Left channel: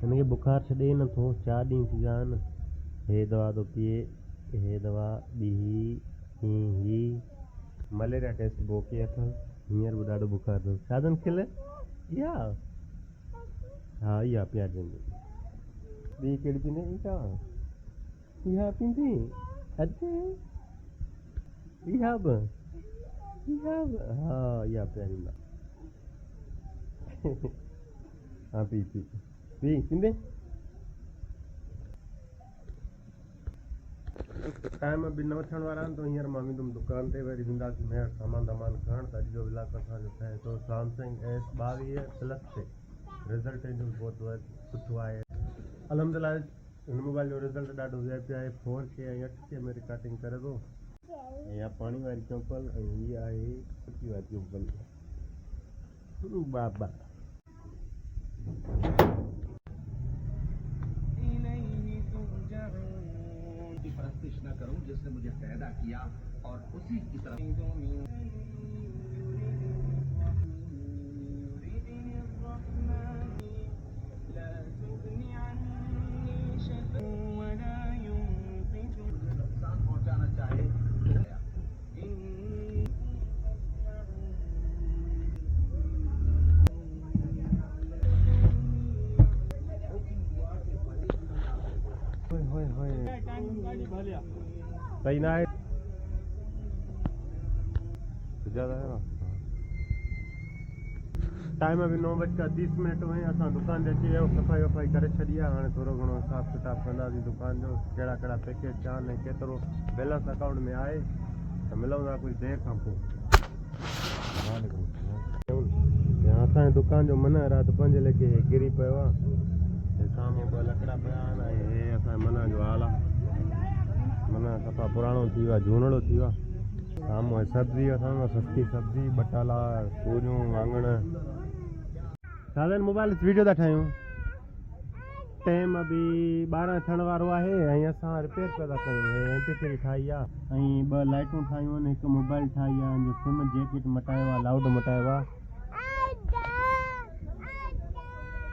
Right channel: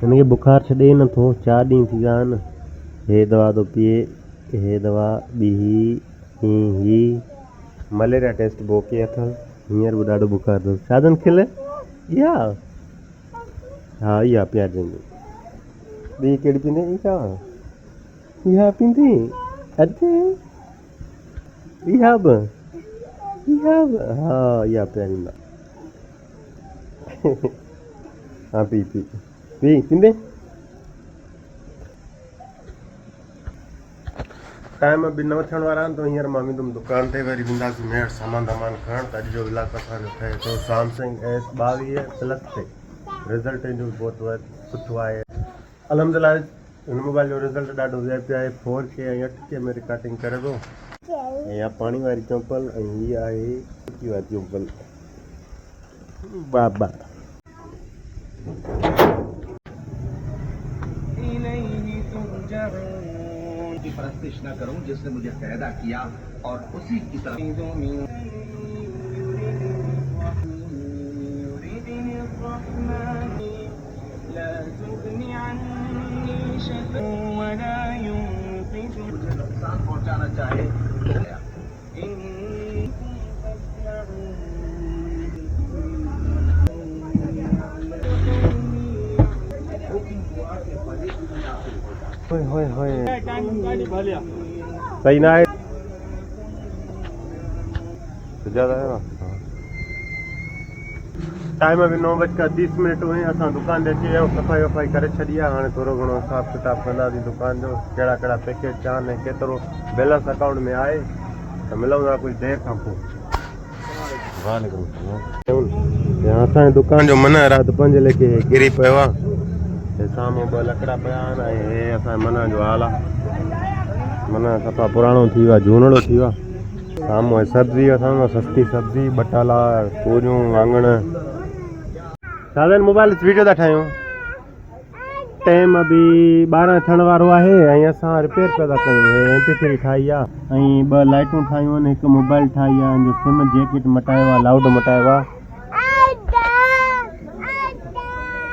हिनखे बुखार छॾे नथो, 4 ॾींहं थी विया आहिनि। हे दवा थो पिए, हे दवा ॿी ही मलेरिया टेस्ट बोके अथसि। हींअर बि ॾाढो बुखार अथसि। शादन खिल इहा, हा इहा पियारजंदी। ॿी कहिड़ी पींदे? इहा पींदी? अचे इहा बि हा इहा पियारींदा। हाँ पी पींदे। टाइम बि न थियण वारा आहिनि, त हींअर मां वेंदुमि दुकान ते, वरी वेंदासीं मेड़ सामान खणण। त अॼु जो व्लॉग असांजो ठहे थो सैमसंग S22 प्लस ते। रिज़ल्ट जो बहुत सुठो आहे अलहमदिल्ला। हिन मोबाइल जो रिज़ल्ट ॾाढो VIP आहे। 4K ऐं 8K में रिकॉर्डिंग करे थो। ऐं इहा पाणी वारी चम्पल, ऐं हीअ आहे सुकी वारी चम्पल। बाबा की परस्तिश न करूं जिसने मुझे पैदा किया और उसी की तरफ मुझे नुकसान पहुंचाना चाहे सही ना है तो ज़्यादा है ना। टाइम अभी 9:30 हुए। असां दुकान ते अची विया आहियूं, सफ़ाई वफ़ाई करे छॾी आहे। हाणे थोरो घणो हिसाब किताब कंदासीं दुकान जो, कहिड़ा कहिड़ा पैकेट छा आहिनि, केतिरो बैलेंस अकाउंट में आहे। त मिलूं था कुझु देरि खां पोइ। असांजी दुकान जो मन राति 5 लॻे किरी पियो आहे। साम्हूं ॿ लकड़ा पिया आहिनि, ऐं हे असांजे मन जो हाल आहे। मन सफ़ा पुराणो थी वियो आहे, झूनड़ो थी वियो आहे। साम्हूं सब्जी असां सस्ती सब्जी, बटाला, तूरियूं, वाङण। साधन मोबाइल वीडियो था ठाहियूं। टाइम बि 12 थियण वारो आहे, ऐं असां रिपेयर पिया था कयूं। हे MP3 ठाही आहे, ऐं 2 लाइटूं ठाहियूं आहिनि, हिकु मोबाइल ठाही आहे, जो सिम जैकेट मटायो आहे, लाउड मटायो आहे।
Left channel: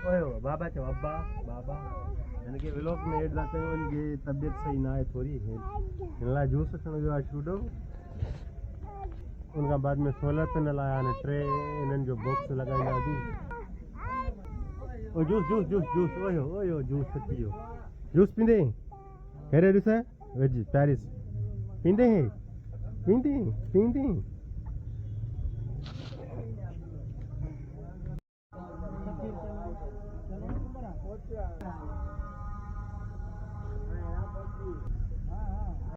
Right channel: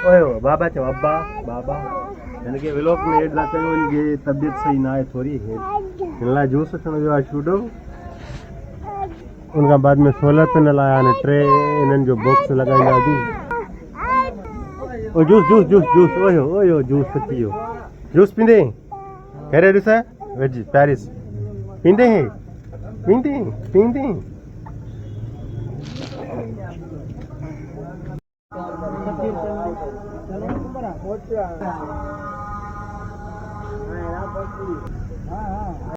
ओए बाबा चओ, अब्बा बाबा। हिनखे व्लॉग में एड था कयूं। हिनजी तबियत सही न आहे थोरी, हिन लाइ जूस अचणु वियो आहे शूडो। उनखां बाद में सोलर पैनल आया आहिनि 3, इन्हनि जो बॉक्स लॻाईंदासीं। ओ जूस जूस जूस जूस ओयो जूस अची वियो। जूस पींदे? हेरे ॾिस वेज पेरिस पींदे पींदे पींदे।